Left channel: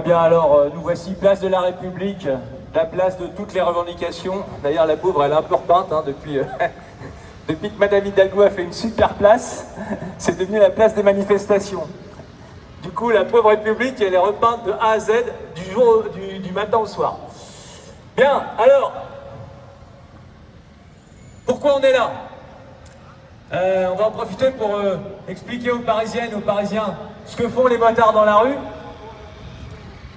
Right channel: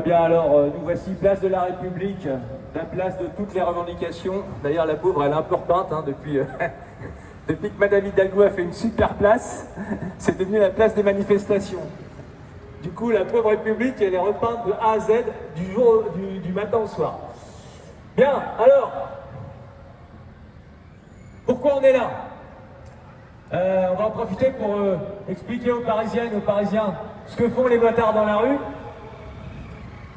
Bien, alors, nous voici place de la République, la place de toutes les revendications. D'ailleurs, la pauvre, elle est un peu repeinte, hein, depuis que Madame Hidalgo a fait une super place, c'est devenu la place des manifestations. Du coup, la pauvre République, elle est repeinte de A à Z, du matin au soir. Bien, alors, pourquoi on est là? On va en profiter pour expliquer aux Parisiennes, aux Parisiens, ce que font les motards dans la rue.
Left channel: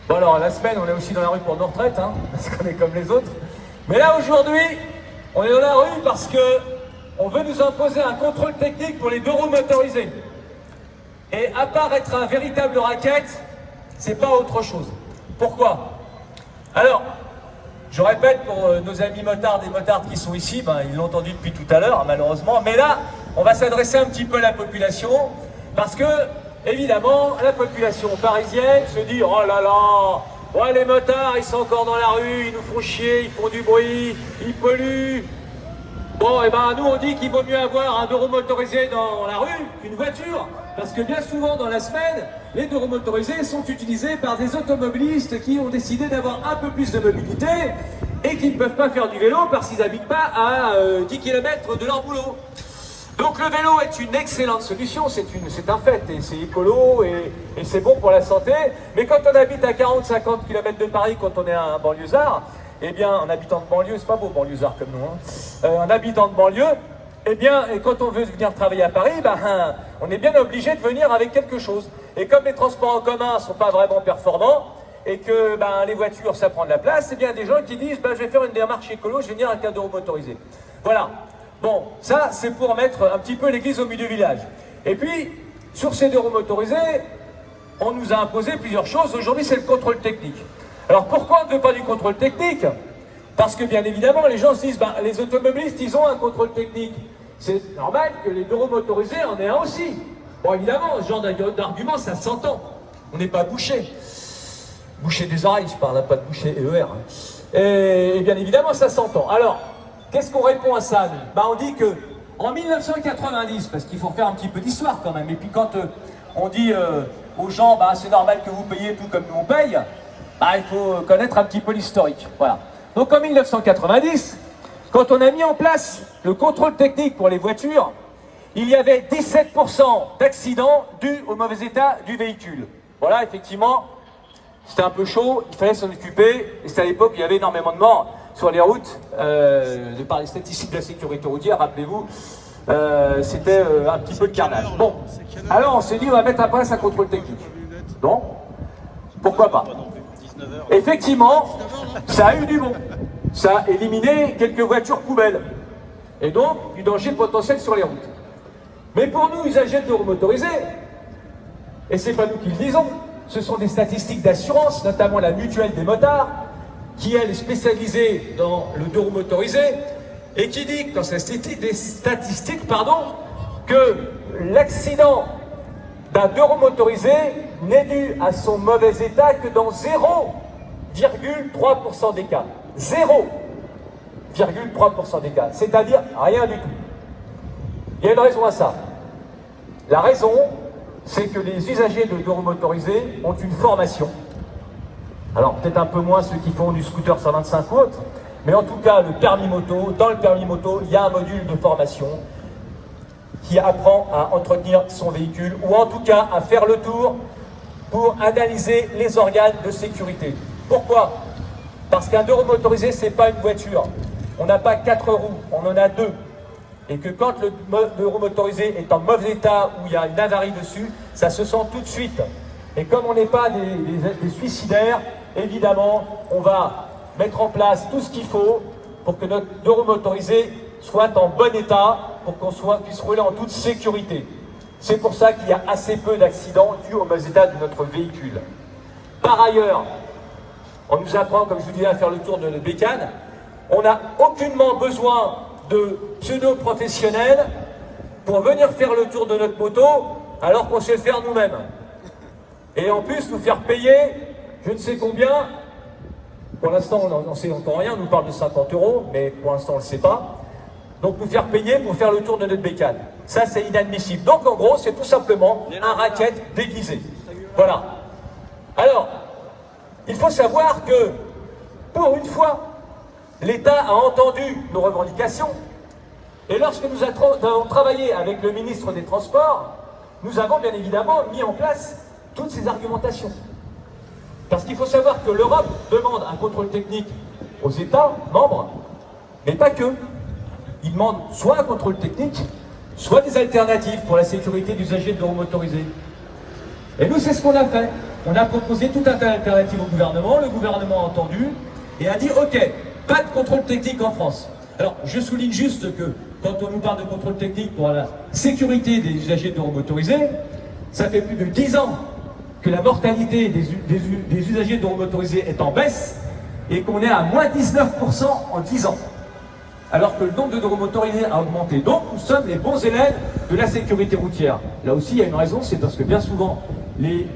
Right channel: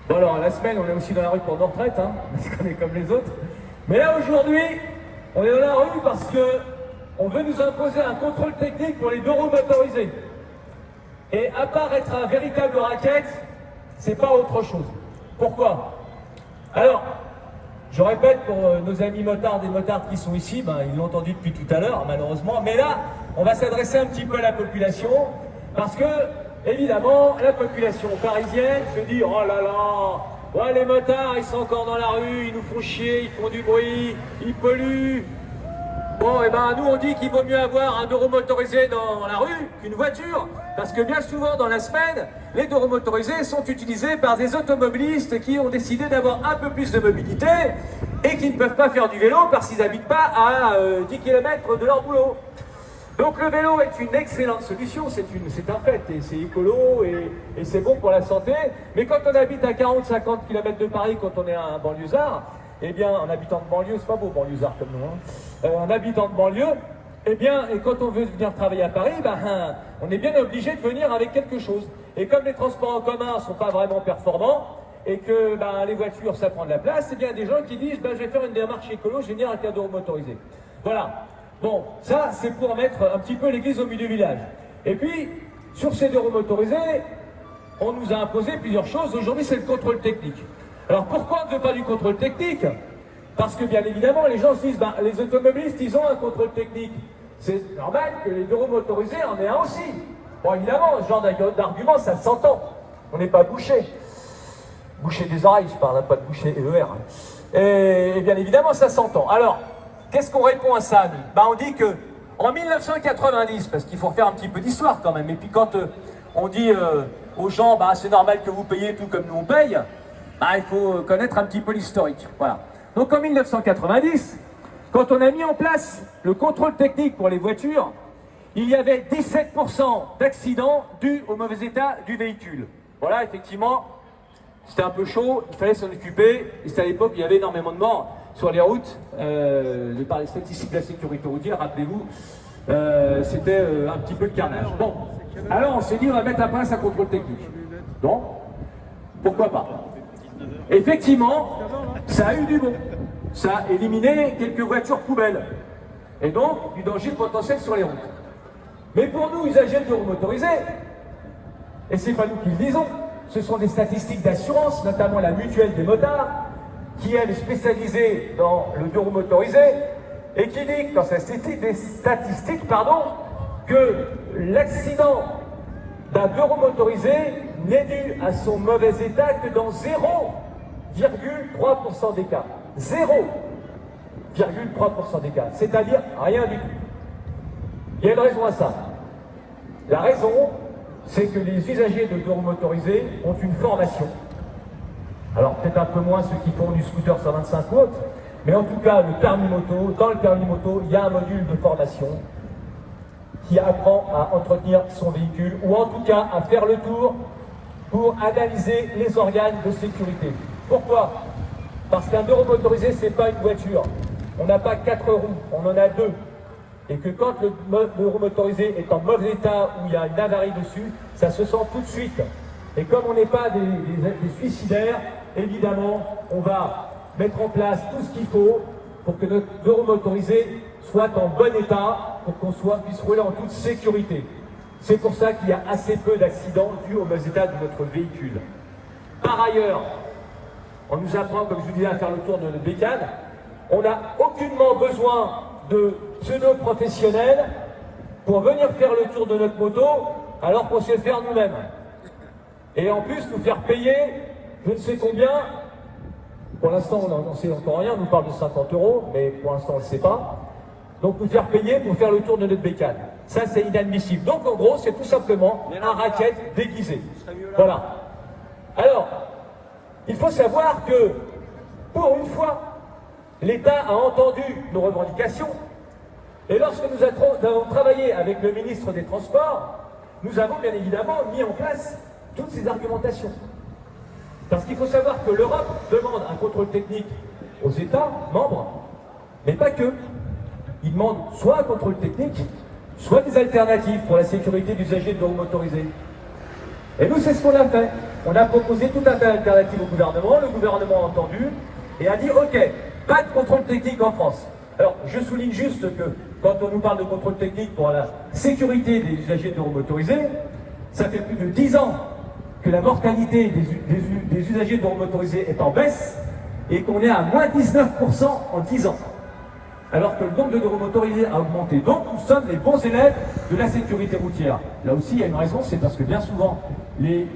Bon alors, la semaine, on est aussi dans la rue pour nos retraites, hein, parce qu'on est comme les autres. Mais là, aujourd'hui, on est dans la rue parce que on veut nous imposer un contrôle technique pour les deux roues motorisées. Et à part être un véritable racket, c'est pas autre chose. Pourquoi? Alors, je répète pour nos amis motards et motards qui sont ici, ben, ils l'ont entendu depuis tout à l'heure, malheureusement. Mais là, on va s'adresser un petit peu à la population, parce que évidemment, la population parisienne se dit « Oh là là, ouais, les motards, ils sont encore dans la rue, ils nous font chier, ils font du bruit, ils polluent. » Bon, et ben nous on dit qu'il vaut mieux avoir un deux roues motorisé dans la rue qu'une voiture, parce que bien souvent dans la semaine, les deux roues motorisés sont utilisés par des automobilistes qui ont décidé d'avoir un peu plus de mobilité et qui ne peuvent pas faire du vélo parce qu'ils n'habitent pas à 10 km de leur boulot. Donc le vélo est une excellente solution, c'est un fait, et c'est écolo et c'est bon pour la santé. Mais quand on habite à 40-50 km de Paris, quand on est un banlieusard, eh bien, un habitant de banlieue, c'est pas beau banlieusard comme nous, hein. Un habitant de banlieue, eh bien, et quand on veut venir travailler à Paris, ben, on est bien obligé de venir avec quelque chose. Et comme les transports en commun ne sont pas vraiment performants, et que ben, les voitures, ça prend de la place, eh bien, des gens qui disent, ben, je vais faire une démarche écolo, je vais venir avec un deux roues motorisé. Voilà. Bon, ça, c'est pour mettre un petit peu l'église au milieu du village. Et puis, sur ces deux roues motorisées, on nous a imposé plusieurs choses. Aujourd'hui, c'est le contrôle technique. Alors, pourquoi on ne veut pas du contrôle technique? Parce que, bien évidemment, les gens se disent, bah, les automobilistes, ils ont un contrôle technique. C'est normal que les deux roues motorisées en aient un aussi. Bon, évidemment, ce genre d'argument, ça s'entend. On n'est pas bouché. Boucher des oreilles, je parle, pas de boucher ER. Hein. Et bien évidemment, ça s'entend. Alors, qu'est-ce qu'on répond à ça? Ben, on dit que en 1990, parce qu'il faut faire un petit peu d'histoire quand même, et puis quand on dit aux gens, bah, c'est normal que vous payiez tout comme nous on paye, bah, il faut connaître un petit peu l'historique. Voilà. Donc en 1990, quand on a mis en place le contrôle technique pour les voitures, il y avait 17% d'accidents dus au mauvais état du véhicule. Voilà, effectivement, c'était un peu chaud, il fallait s'en occuper, et c'était à l'époque où il y avait énormément de morts sur les routes, de par les statistiques de la sécurité routière, rappelez-vous, c'était un petit peu de carnage. Bon, alors on s'est dit on va mettre en place un contrôle technique. Donc, pourquoi pas? Effectivement, ça a eu du bon. Ça a éliminé quelques voitures poubelles. Et donc, du danger potentiel sur les routes. Mais pour nous, usagers de roues motorisées, et c'est pas nous qui le disons, ce sont des statistiques d'assurance, notamment la mutuelle des motards, qui elle est spécialisée dans le deux roues motorisé, et qui dit dans ses statistiques, que l'accident d'un deux roues motorisé n'est dû à son mauvais état que dans 0,3% des cas. 0,3% des cas, c'est-à-dire rien du tout. Il y a une raison à ça. La raison, c'est que les usagers de deux roues motorisés ont une formation. Alors peut-être un peu moins ceux qui font du scooter 125 ou autre, mais en tout cas le permis moto, dans le permis moto, il y a un module de formation qui apprend à entretenir son véhicule, ou en tout cas à faire le tour pour analyser les organes de sécurité. Pourquoi? Parce qu'un deux roues motorisé, c'est pas une voiture. On n'a pas 4 roues, on en a 2. Et que quand le deux roues motorisé est en mauvais état, où il y a une avarie dessus, ça se sent tout de suite. Et comme on n'est pas des suicidaires, évidemment, on va mettre en place tout ce qu'il faut pour que notre deux roues motorisé soit en bon état, pour qu'on puisse rouler en toute sécurité. C'est pour ça qu'il y a assez peu d'accidents dus au mauvais état de notre véhicule. Par ailleurs, on nous apprend, comme je vous disais, à faire le tour de notre bécane. On n'a aucunement besoin de pseudo-professionnels pour venir faire le tour de notre moto, alors qu'on sait le faire nous-mêmes. Et en plus, nous faire payer, je ne sais combien, pour l'instant on n'en sait encore rien, on nous parle de 50 €, mais pour l'instant on ne le sait pas. Donc nous faire payer pour faire le tour de notre bécane. Ça c'est inadmissible. Donc en gros, c'est tout simplement un racket déguisé. Voilà. Alors, il faut savoir que, pour une fois, l'État a entendu nos revendications, et lorsque nous avons travaillé avec le ministre des Transports, nous avons bien évidemment mis en place toutes ces argumentations. Parce qu'il faut savoir que l'Europe demande un contrôle technique aux États membres, mais pas que. Ils demandent soit un contrôle technique, soit des alternatives pour la sécurité d'usagers de vélos motorisés. Et nous, c'est ce qu'on a fait. On a proposé tout un tas d'alternatives au gouvernement, le gouvernement a entendu et a dit « Ok, pas de contrôle technique en France ». Alors, je souligne juste que quand on nous parle de contrôle technique pour la sécurité des usagers de vélos motorisés, ça fait plus de 10 ans que la mortalité des usagers de vélos motorisés est en baisse et qu'on est à moins 19% en 10 ans. Alors que le nombre de vélos motorisés a augmenté. Donc, nous sommes les bons élèves de la sécurité routière. Là aussi, il y a une raison, c'est parce que bien souvent, les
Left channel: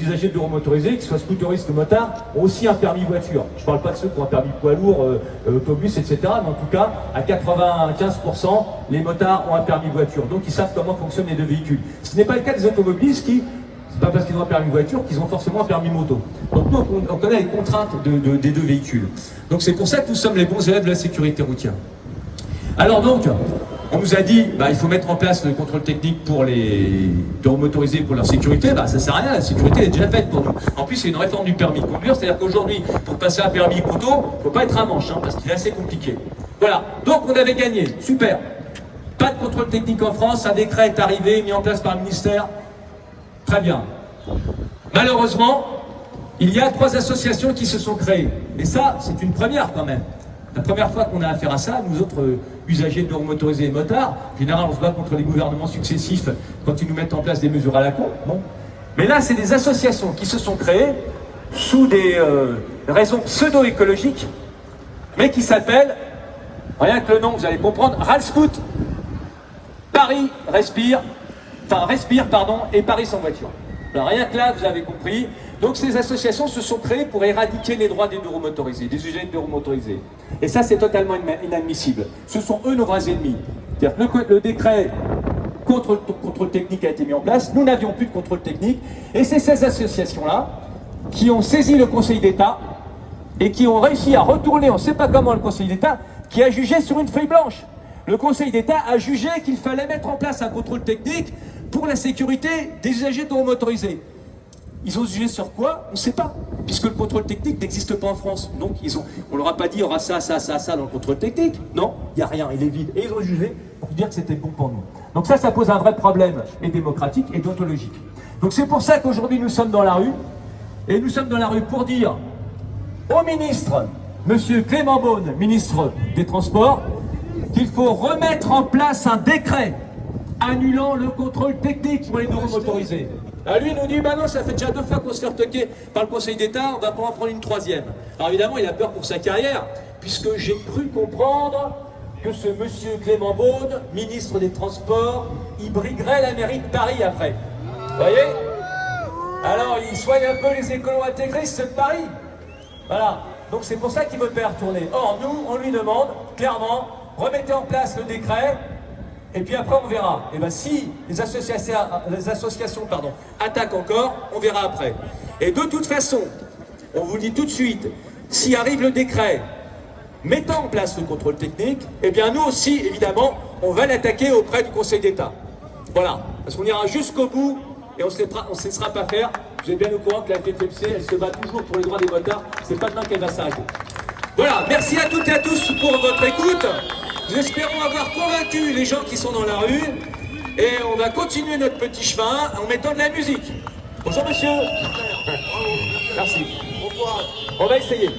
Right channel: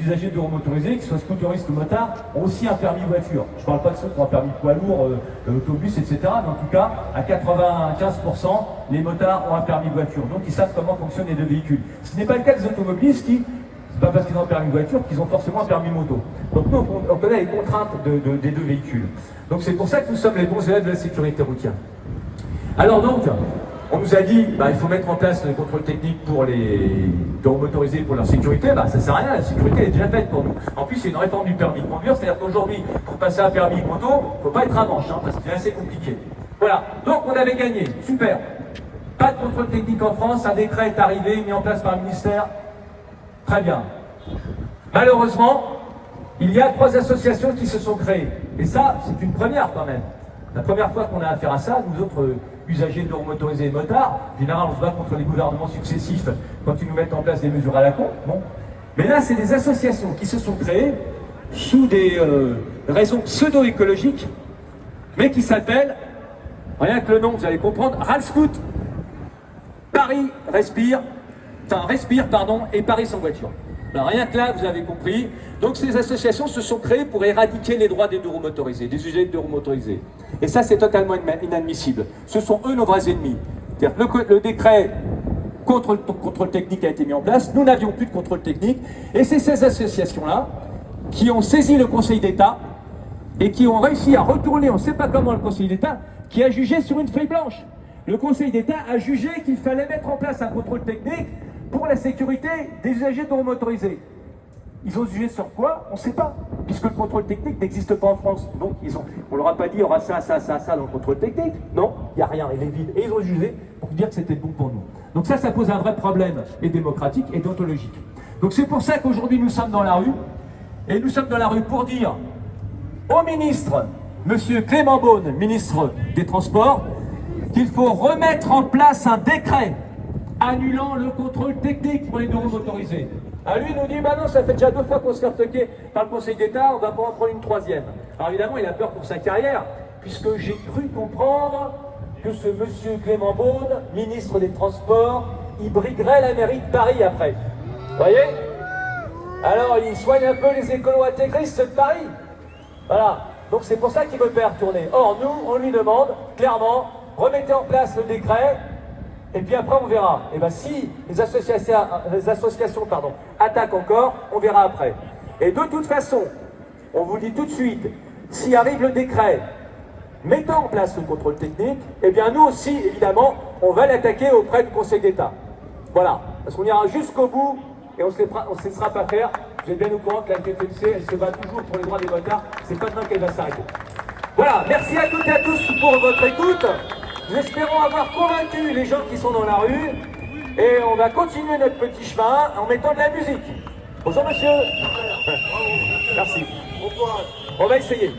usagers de vélos motorisés, qu'ils soient scooteristes ou motards, ont aussi un permis voiture. Je ne parle pas de ceux qui ont un permis poids lourd, autobus, etc. Mais en tout cas, à 95%, les motards ont un permis voiture. Donc, ils savent comment fonctionnent les deux véhicules. Ce n'est pas le cas des automobilistes qui, c'est pas parce qu'ils ont un permis voiture qu'ils ont forcément un permis moto. Donc nous, on connaît les contraintes des deux véhicules. Donc c'est pour ça que nous sommes les bons élèves de la sécurité routière. Alors donc, on nous a dit, il faut mettre en place le contrôle technique pour les vélos motorisés pour leur sécurité. Ça ne sert à rien, la sécurité est déjà faite pour nous. En plus, c'est une réforme du permis de conduire, c'est-à-dire qu'aujourd'hui, pour passer un permis moto, il ne faut pas être un manche, parce qu'il est assez compliqué. Voilà, donc on avait gagné, super. Pas de contrôle technique en France, un décret est arrivé, mis en place par le ministère. Très bien. Malheureusement, il y a 3 associations qui se sont créées. Et ça, c'est une première quand même. La première fois qu'on a affaire à ça, nous autres usagers de vélos motorisés et motards, généralement on se bat contre les gouvernements successifs quand ils nous mettent en place des mesures à la con. Bon. Mais là, c'est des associations qui se sont créées sous des raisons pseudo-écologiques, mais qui s'appellent, rien que le nom, vous allez comprendre, Ralscoot, Paris Respire, et Paris sans voiture. Alors rien que là, vous avez compris. Donc ces associations se sont créées pour éradiquer les droits des vélos motorisés, des usagers de vélos motorisés. Et ça, c'est totalement inadmissible. Ce sont eux nos vrais ennemis. C'est-à-dire que le décret contre le contrôle technique a été mis en place, nous n'avions plus de contrôle technique, et c'est ces associations-là qui ont saisi le Conseil d'État et qui ont réussi à retourner, on ne sait pas comment, le Conseil d'État, qui a jugé sur une feuille blanche. Le Conseil d'État a jugé qu'il fallait mettre en place un contrôle technique pour la sécurité des usagers de vélos motorisés. Ils ont jugé sur quoi? On ne sait pas, puisque le contrôle technique n'existe pas en France. Donc on leur a pas dit, il y aura ça dans le contrôle technique. Non, il n'y a rien, il est vide. Et ils ont jugé pour dire que c'était bon pour nous. Donc ça pose un vrai problème, et démocratique et déontologique. Donc c'est pour ça qu'aujourd'hui nous sommes dans la rue, et nous sommes dans la rue pour dire au ministre, monsieur Clément Beaune, ministre des Transports, qu'il faut remettre en place un décret annulant le contrôle technique pour les vélos motorisés. Alors lui, il nous dit, non, ça fait déjà 2 fois qu'on se fait retoquer par le Conseil d'État, on va pas en prendre une 3e. Alors évidemment, il a peur pour sa carrière, puisque j'ai cru comprendre que ce monsieur Clément Beaune, ministre des Transports, il briguerait la mairie de Paris après. Vous voyez? Alors, il soigne un peu les écolos intégristes de Paris. Voilà. Donc c'est pour ça qu'il veut faire tourner. Or, nous, on lui demande, clairement, remettez en place le décret, et puis après on verra. Et bien si les associations attaquent encore, on verra après. Et de toute façon, on vous dit tout de suite, si arrive le décret mettant en place le contrôle technique, et bien nous aussi, évidemment, on va l'attaquer auprès du Conseil d'État. Voilà, parce qu'on ira jusqu'au bout et on ne se laissera pas faire. Vous êtes bien au courant que la FFMC, elle se bat toujours pour les droits des motards, c'est pas demain qu'elle va s'arrêter. Voilà, merci à toutes et à tous pour votre écoute. Nous espérons avoir convaincu les gens qui sont dans la rue et on va continuer notre petit chemin en mettant de la musique. Bonjour monsieur. Merci. On va essayer.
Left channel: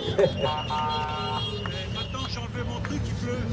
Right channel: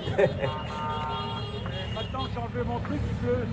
Maintenant j'ai enlevé mon truc, il pleut.